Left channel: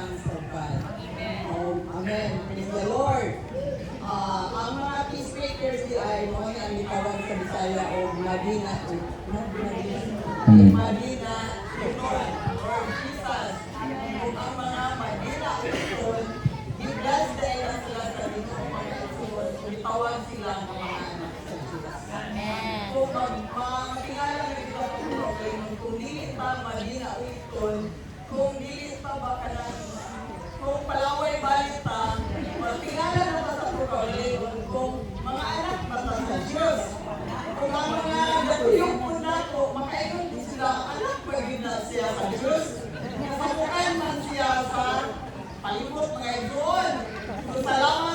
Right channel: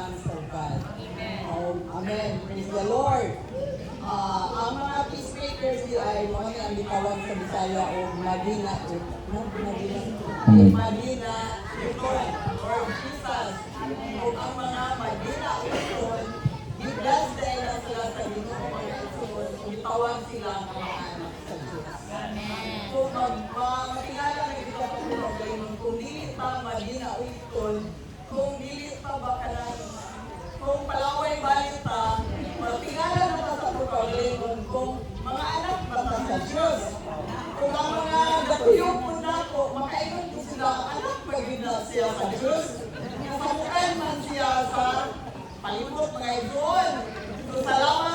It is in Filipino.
sons of God. Amen. Praise the Lord. Ang mga peacemakers ay mga ang gitawag sa Bisaya o Madina. Madina, Lord Jesus. Kung ang mga Madina Lord, gigas dahil na sila sa Diyos, gitawag sila ng mga anak sa Diyos. Amen. So, matingala na ito ang problem. Kung dilit pa Madina Uitol, kung dilit pa ba ka na, kung palaway balit pa, matingala na ba sa problem, kung mga anak ba sa Diyos, kung ang mga natuyong po na po, makaingon po sila, anak pa yun na siya sa Diyos. Mabukan man siya sa palibot mga idol. So, salamat